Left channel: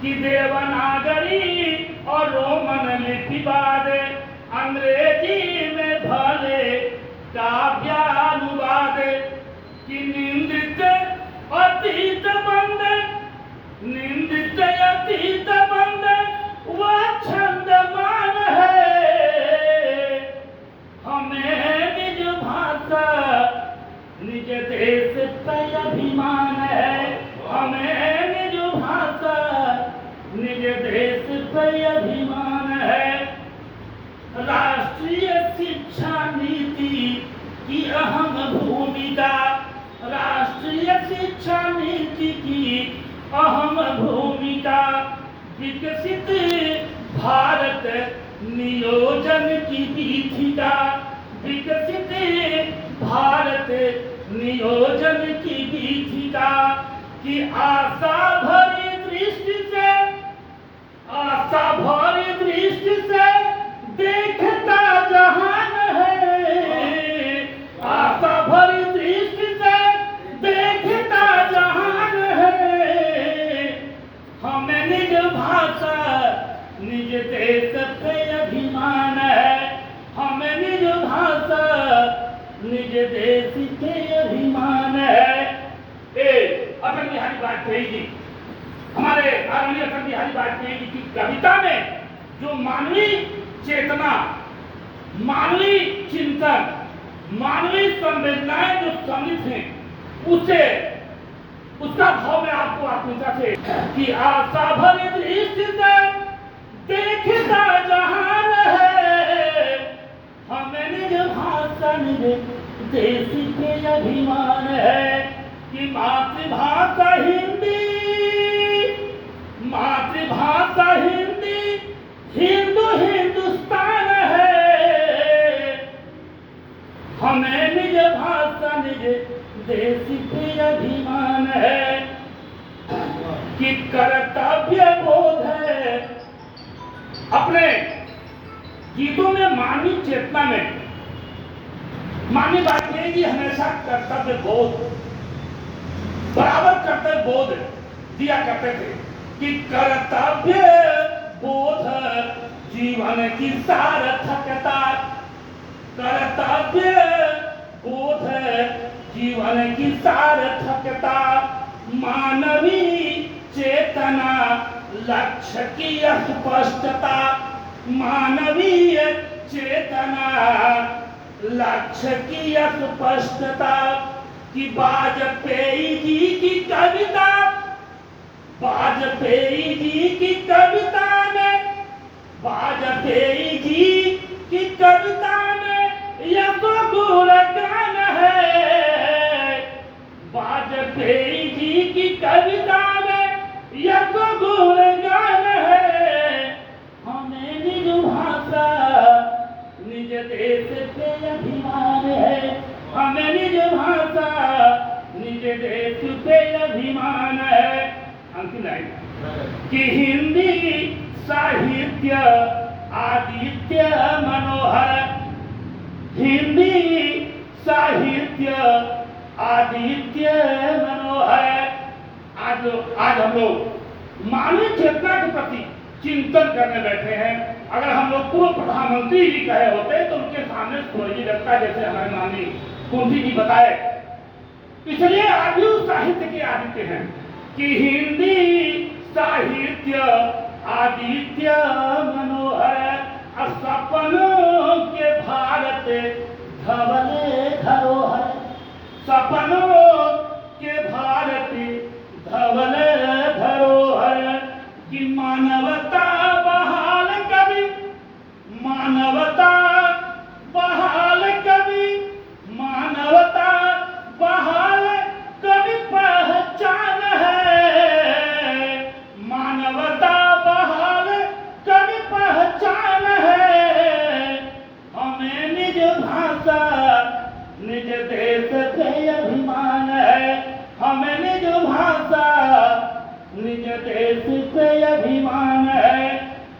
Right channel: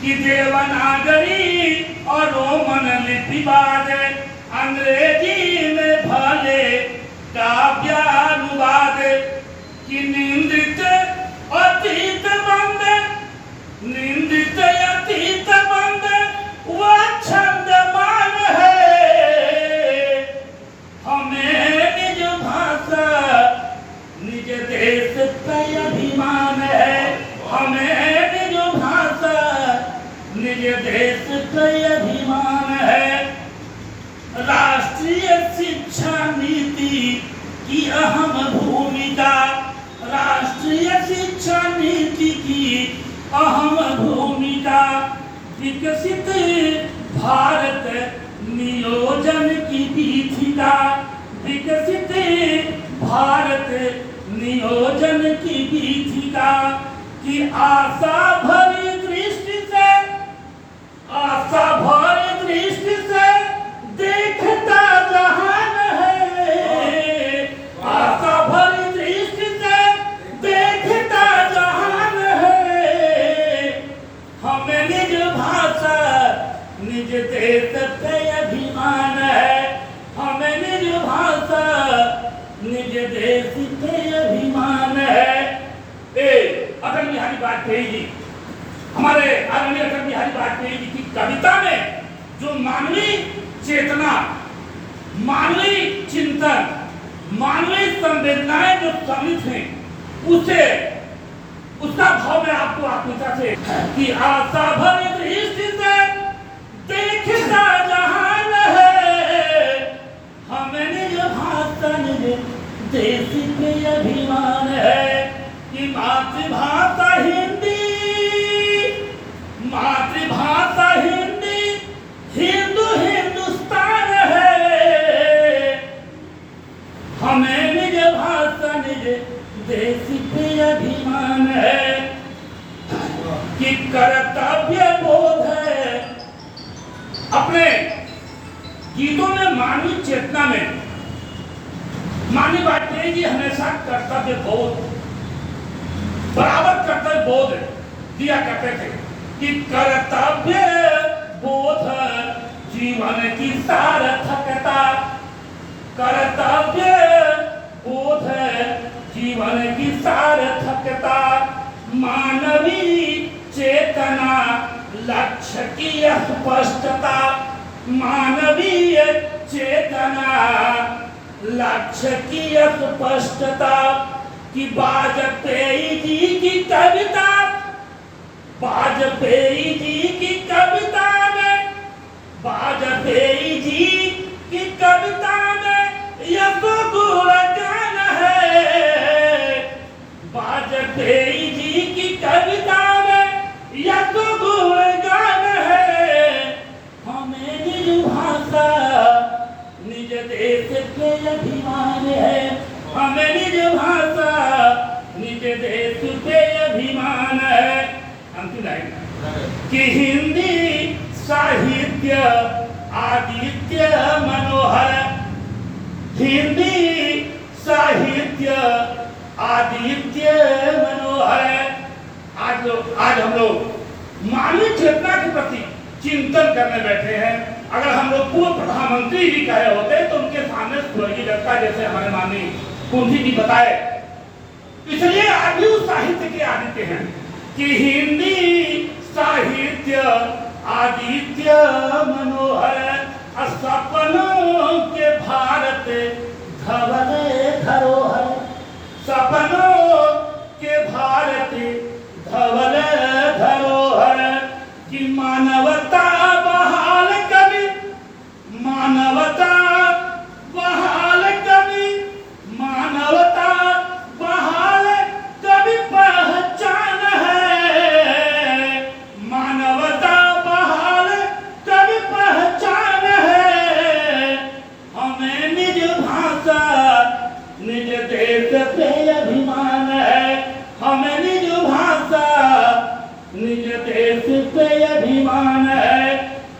कि देवनागरी और रोमन लिपिवाद अंग्रेजी में भले काव्यानुवाद कि निंदित अतीत बंद निंदित अतीत बंद वह छंद मान है। हमें निज भाषा निज देश पे अभिमान है। हमें निज भाषा निज देश पे अभिमान है। राष्ट्रीय शिक्षा नीति की अहम भूमिका राष्ट्रीय शिक्षा नीति की अहम भूमिका विकसित भारत नियोजन की पीठिका विकसित भारत नियोजन की पीठिका की आशा भरी दृष्टि से देखता जहान है। आशा भरी दृष्टि से देखता जहान है। हमें निज भाषा निज देश पे अभिमान है। हमें निज भाषा निज देश पे अभिमान है। अटल बिहारी वाजपेयी जी हमारे आदरणीय अटल बिहारी वाजपेयी जी की कविता में जो मानवीय चेतना मानवीय चिंतन मानवीय संवेदनाएं जो सम्मिलित हैं उसे उसका भाव में आपको आत्मकथा से कि आशा भरी दृष्टि से देखता जहान है। हमें निज भाषा निज देश पे अभिमान है कि मातृभाषा हिंदी हिंदू हिंदुस्तान है। हमें निज भाषा निज देश पे अभिमान है कि कर्तव्य बोध है। अपने गीतों में मानवीय चेतना में माननीय वाजपेयी जी हमेशा कर्तव्य बोध बराबर कर्तव्य बोध दिया करते थे कि कर्तव्य बोध जीवन की सार्थकता कर्तव्य बोध जीवन की सार्थकता मानवीय चेतना लक्ष्य की स्पष्टता मानवीय चेतना लक्ष्य की स्पष्टता कि वाजपेयी जी की कविता वाजपेयी जी की कविता में वाजपेयी जी की कविता में यह तो गुणगान है। वाजपेयी जी की कविता में यह तो गुणगान है। हमें निज भाषा निज देश पे अभिमान है। हमें निज भाषा निज देश पे अभिमान है। अंतिम लाइन कि हिंदी साहित्य आदित्य मनोहर हिंदी साहित्य आदित्य मनोहर। आज हम लोग मानवीय चेतना के प्रति चिंतन करने बैठे हैं। अगर हम लोग पूर्व प्रधानमंत्री जी कहे होते तो उनके सामने स्वर्गीय लगता जैसे हमारे माननीय कुंजी जी बताए। इसलिए आज भी उस साहित्य के आदित्य हैं कि हिंदी साहित्य आदित्य मनोहर सपनों के भारत धवल धरोहर सपनों के भारत धवल धरोहर कि मानवता बहाल कवि मानवता बहाल कवि मानवता बहाल कवि पहचान है। मानवता बहाल कवि पहचान है। हमें निज भाषा निज देश पे अभिमान है। हमें निज भाषा निज देश पे अभिमान है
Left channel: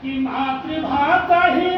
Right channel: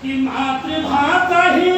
कि मातृभाषा ही